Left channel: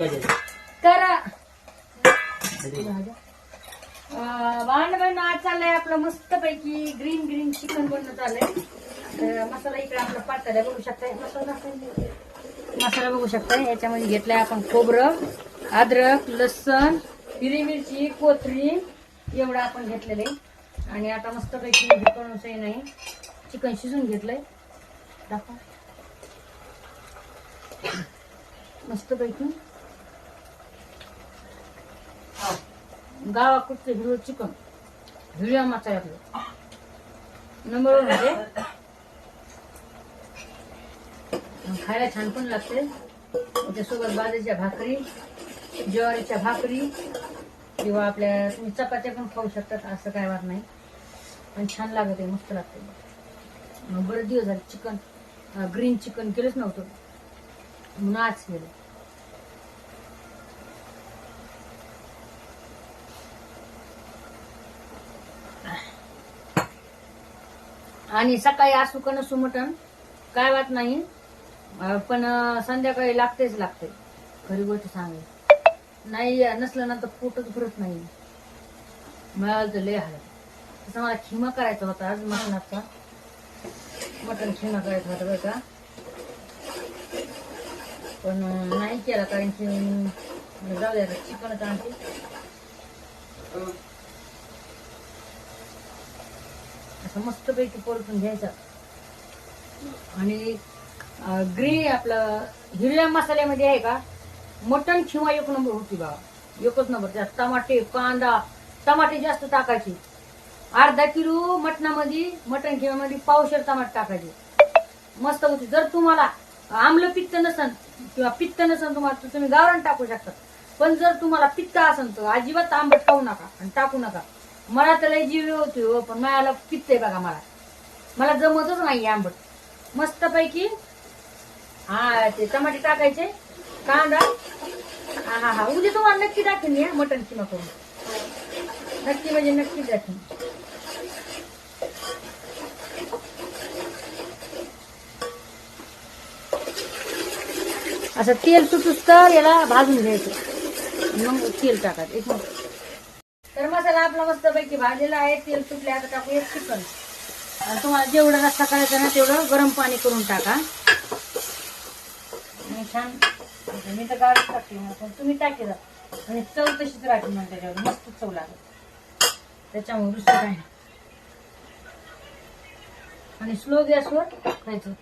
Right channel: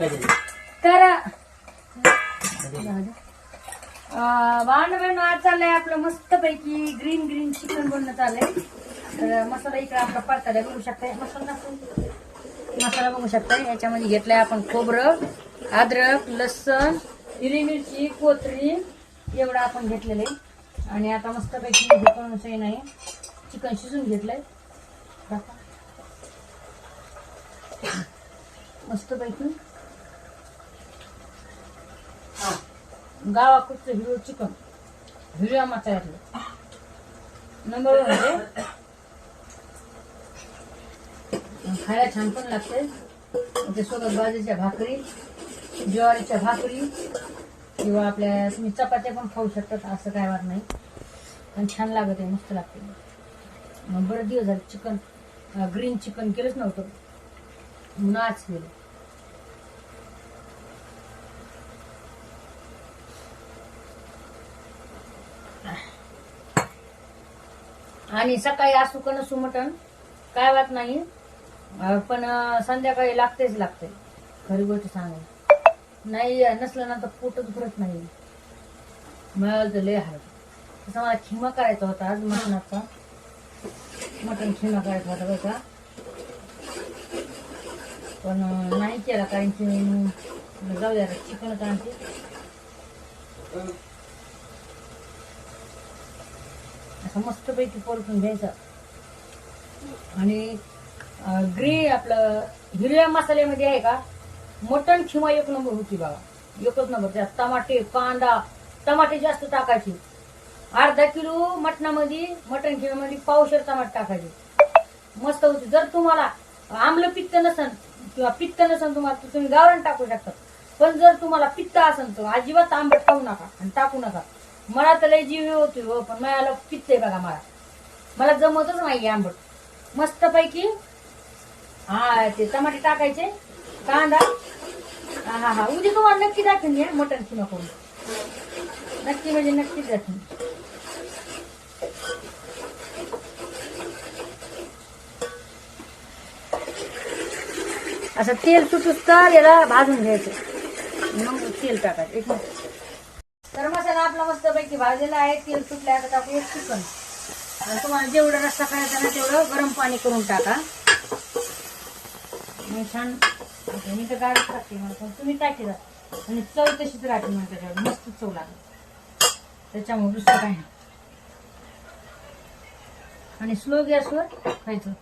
तर भावंड आज चाललंय आपलं मस्त पैकी ग्रीन चिकन बनणं चाललंय. तर मसाला इकडे आपला पातळ बघू शकताय. मसाला बघू शकताय. याच्यामध्ये घेतलाय आपण खोबरं, अद्रक, लसूण, हिरवी मिरची, कोथिंबीर एवढं आपण घेतलेलं आहे. आणि आता मस्त पैकी नाही चिकन शिजून घेतलंय. मस्त पैकी गावाकडचं हिरो चिकन हिरव्या मसाल्यातलं नंबर मध्ये खायला छान पण लागते. त्याच्यासोबत बाजरीच्या भाकरी, ज्वारीच्या भाकरी किंवा आपल्या तुम्ही चपात्या पण खाऊ शकतात. असं काय वाट नाही, पण छान लागत आहे, मस्त लागते. मग बरेच दिवस झाले चिकन ग्रीन चिकन केलंच नव्हतं म्हणून आज केलं. आणि सकाळी असू का नसू मटण काय वाट नाही, पण संध्याकाळी लागतेच लागते. खरी गोष्ट सांगायची नाही, नसलं ना तर पोटच भरत नाही. मिळालं तर लय हालत. तसं मला खिमा करायचा होता आज मटणाचा. मटण खिमा करायचा होता बरं का, पण नाही केला कारण की जाऊ द्या चिकनच आणते. असं मस्त पैकी परतून घ्यायचं. आणि ग्रीन आपलं हिरव्या मसाल्यामध्ये आहे का मटण खिमा एक नंबर होती बाबा, एकच नंबर. त्यात टमाटे, कांदा, टमाटे जास्त टाकायचे. अर्धा किलो मटणामध्ये मटण खिम्यामध्ये पावशेर टमाटे टाकायचे, मस्त होती. जर तुम्हाला आम्ल पित्त नसन किंवा पित्त नसन तुम्हाला तर तुम्ही गावरान टाकू शकता. पण जर तुम्हाला पित्त असेल तर अजिबात आंबट खाऊ नका आणि टाकू नका. मला तर लय जीव होती हो, पण मला पित्त आहे बघा. मला जमतच नाही आंबट. मस्त पैकी ते टमाटे टाकायचे, कांदा. हा उद्या तुम्हाला नक्की दाखवेन मटण किमा करून, नक्की म्हणजे नक्कीच दाखवेन. असं तेल सुटूस तर याला भाजून घ्यायचं, मग तेल टाकायचं. एक मिनिट. तर मसाला आपला मस्त पैकी भाजलेला आहे. तेल सुटले. आता टाकू एक चिकन. आणि तुम्हाला जेवढं रस्सा करायचं ना तेवढं गरम पाणी करून टाका. छान. मी तर गाडीच टाकते, पण तुम्ही टाकी जा आणि चव तशीच राहते. मग त्याच्यावर मस्त चव लागेल. त्याच्यामुळे दुसरं काही नाही. आणि स्लो गॅसवर खायचं.